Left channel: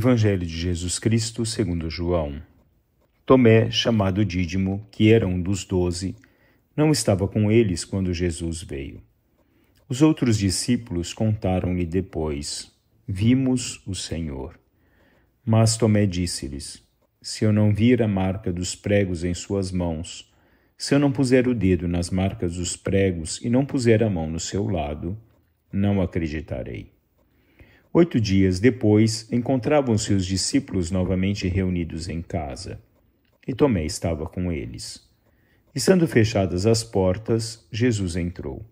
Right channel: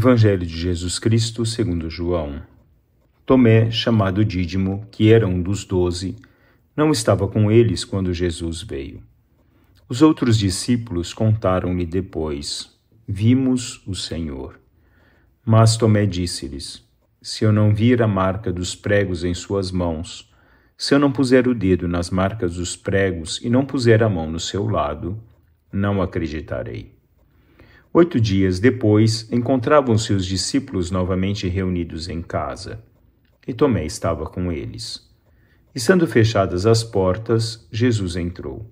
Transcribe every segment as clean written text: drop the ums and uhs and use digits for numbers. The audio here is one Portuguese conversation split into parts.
Evangelho de Jesus Cristo segundo João. Tomé, chamado Dídimo, que era um dos 12, não estava com eles quando Jesus veio. Os outros discípulos contaram-lhe depois: Vimos o Senhor. Mas Tomé disse-lhes: Se eu não vir a marca dos pregos em suas mãos, se eu não puser o dedo nas marcas dos pregos e não puser a mão no seu lado, não acreditarei. 8 dias depois, encontravam-se os discípulos novamente reunidos em casa, e Tomé estava com eles. Estando fechadas as portas, Jesus entrou,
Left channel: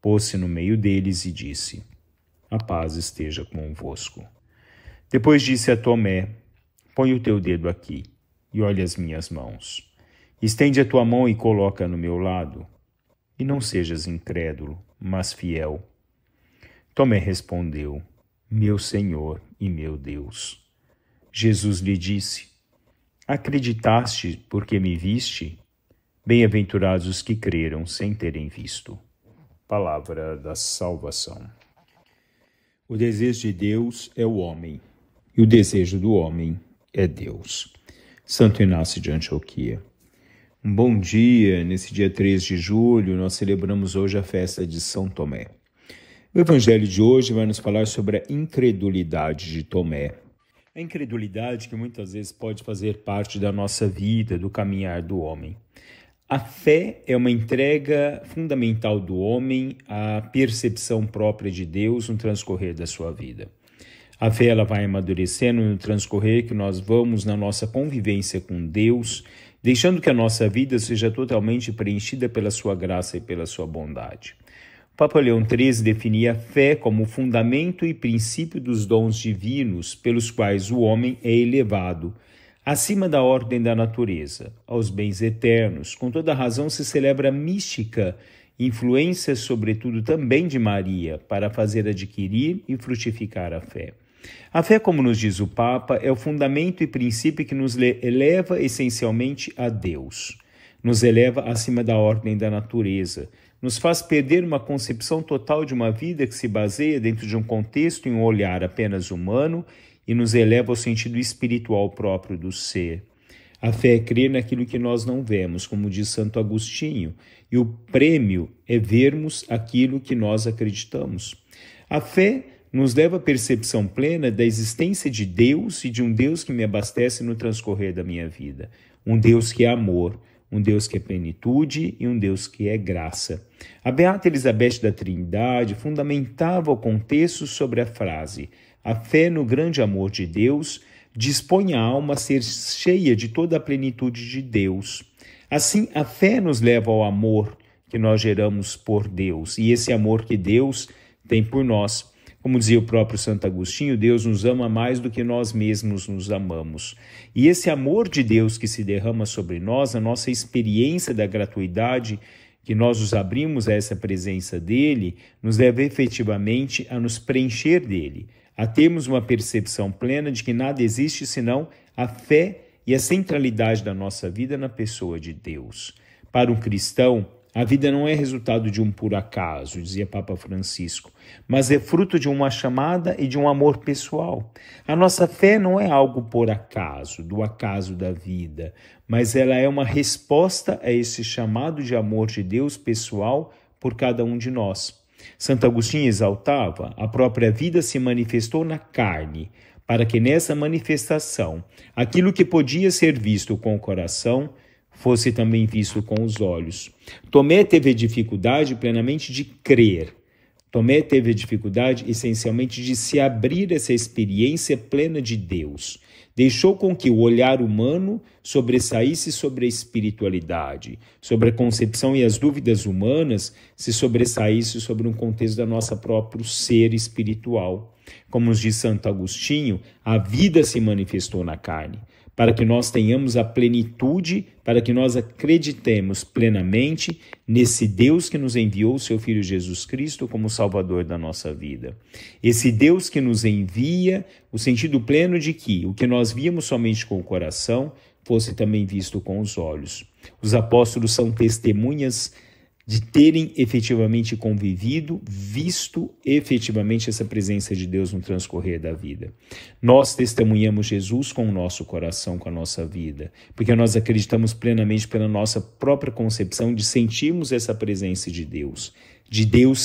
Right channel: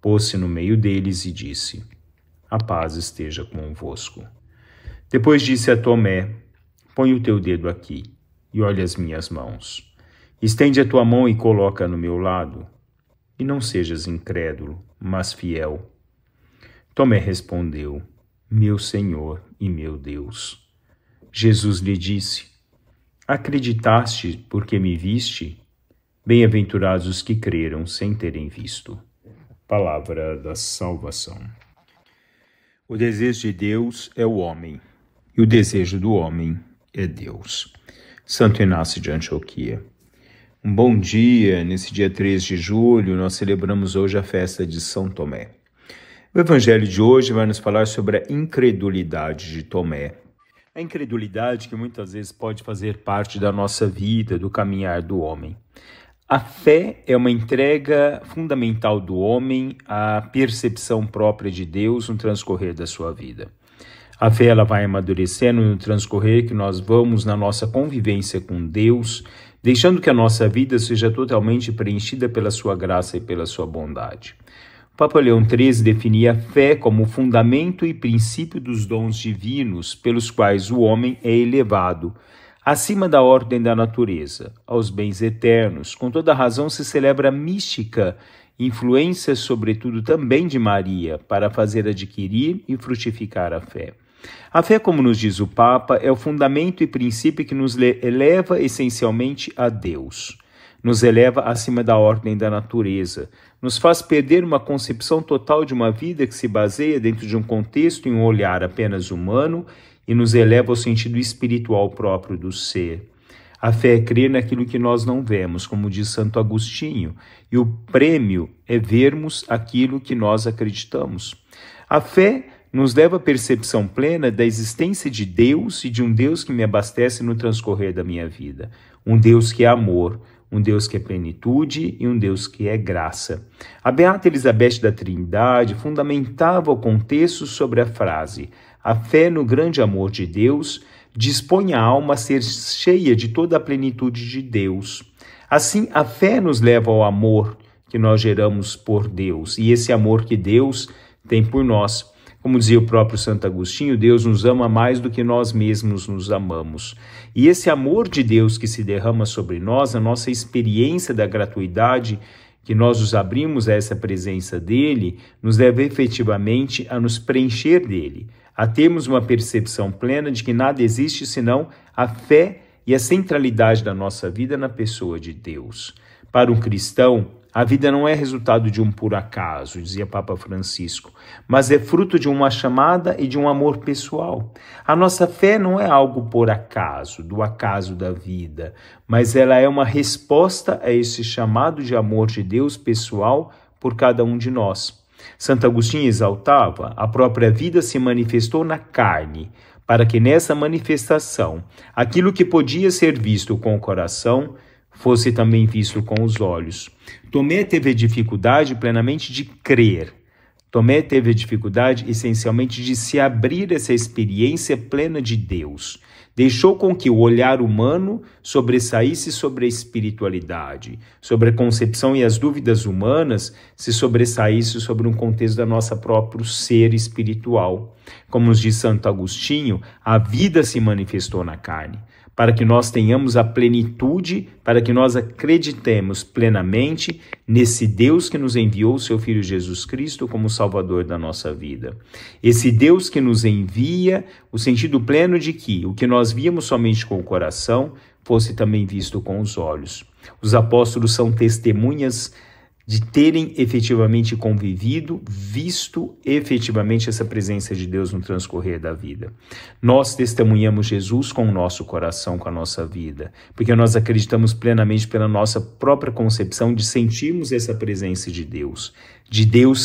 pôs-se no meio deles e disse: A paz esteja convosco. Depois disse a Tomé: Põe o teu dedo aqui e olha as minhas mãos. Estende a tua mão e coloca no meu lado, e não sejas incrédulo, mas fiel. Tomé respondeu: Meu Senhor e meu Deus. Jesus lhe disse: Acreditaste porque me viste? Bem-aventurados os que creram sem terem visto. Palavra da salvação. O desejo de Deus é o homem, e o desejo do homem é Deus. Santo Inácio de Antioquia. Um bom dia, nesse dia 3 de julho, nós celebramos hoje a festa de São Tomé. O Evangelho de hoje vai nos falar sobre a incredulidade de Tomé. A incredulidade que muitas vezes pode fazer parte da nossa vida, do caminhar do homem. A fé é uma entrega fundamental do homem à percepção própria de Deus no transcorrer da sua vida. A fé ela vai amadurecendo no transcorrer que nós vamos na nossa convivência com Deus, deixando que a nossa vida seja totalmente preenchida pela sua graça e pela sua bondade. O Papa Leão XIII definia a fé como o fundamento e princípio dos dons divinos pelos quais o homem é elevado, acima da ordem da natureza, aos bens eternos. Com toda razão se celebra a mística, influência sobretudo também de Maria, para fazer adquirir e frutificar a fé. A fé, como nos diz o Papa, é o fundamento e princípio que nos eleva essencialmente a Deus. Nos eleva acima da ordem da natureza, nos faz perder uma concepção total de uma vida que se baseia dentro de um contexto e um olhar apenas humano e nos eleva ao sentido espiritual próprio do ser. A fé é crer naquilo que nós não vemos, como diz Santo Agostinho, e o prêmio é vermos aquilo que nós acreditamos. A fé nos leva à percepção plena da existência de Deus e de um Deus que me abastece no transcorrer da minha vida. Um Deus que é amor, um Deus que é plenitude e um Deus que é graça. A Beata Elizabeth da Trindade fundamentava o contexto sobre a frase: a fé no grande amor de Deus dispõe a alma a ser cheia de toda a plenitude de Deus. Assim, a fé nos leva ao amor que nós geramos por Deus e esse amor que Deus tem por nós. Como dizia o próprio Santo Agostinho, Deus nos ama mais do que nós mesmos nos amamos. E esse amor de Deus que se derrama sobre nós, a nossa experiência da gratuidade, que nós nos abrimos a essa presença dele, nos leva efetivamente a nos preencher dele, a termos uma percepção plena de que nada existe senão a fé e a centralidade da nossa vida na pessoa de Deus. Para um cristão, a vida não é resultado de um por acaso, dizia Papa Francisco, mas é fruto de uma chamada e de um amor pessoal. A nossa fé não é algo por acaso, do acaso da vida, mas ela é uma resposta a esse chamado de amor de Deus pessoal por cada um de nós. Santo Agostinho exaltava: a própria vida se manifestou na carne, para que nessa manifestação, aquilo que podia ser visto com o coração, fosse também visto com os olhos. Tomé teve a dificuldade plenamente de crer. Tomé teve a dificuldade essencialmente de se abrir essa experiência plena de Deus. Deixou com que o olhar humano sobressaísse sobre a espiritualidade, sobre a concepção e as dúvidas humanas se sobressaísse sobre um contexto da nossa próprio ser espiritual. Como nos diz Santo Agostinho, a vida se manifestou na carne, para que nós tenhamos a plenitude, para que nós acreditemos plenamente nesse Deus que nos enviou o seu Filho Jesus Cristo como Salvador da nossa vida. Esse Deus que nos envia o sentido pleno de que o que nós víamos somente com o coração fosse também visto com os olhos. Os apóstolos são testemunhas de terem efetivamente convivido, visto efetivamente essa presença de Deus no transcorrer da vida. Nós testemunhamos Jesus com o nosso coração, com a nossa vida, porque nós acreditamos plenamente pela nossa própria concepção de sentirmos essa presença de Deus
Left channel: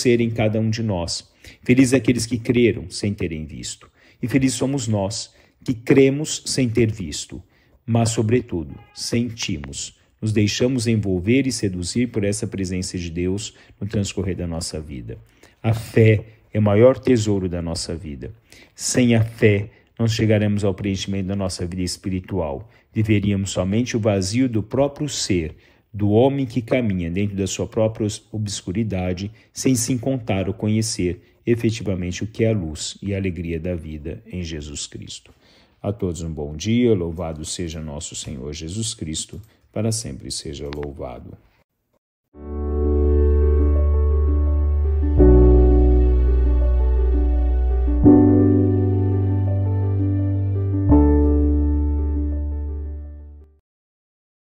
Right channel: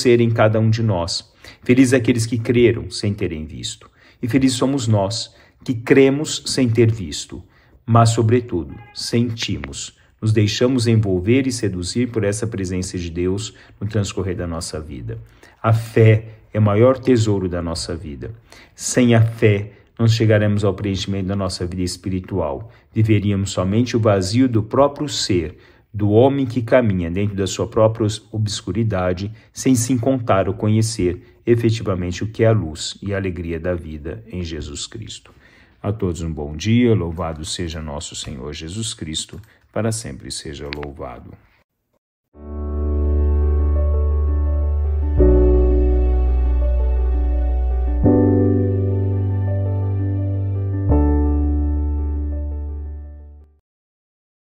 ser em cada um de nós. Felizes aqueles que creram sem terem visto, e felizes somos nós que cremos sem ter visto, mas, sobretudo, sentimos, nos deixamos envolver e seduzir por essa presença de Deus no transcorrer da nossa vida. A fé é o maior tesouro da nossa vida. Sem a fé, não chegaremos ao preenchimento da nossa vida espiritual. Viveríamos somente o vazio do próprio ser, do homem que caminha dentro da sua própria obscuridade, sem se encontrar ou conhecer efetivamente o que é a luz e a alegria da vida em Jesus Cristo. A todos um bom dia, louvado seja nosso Senhor Jesus Cristo, para sempre seja louvado.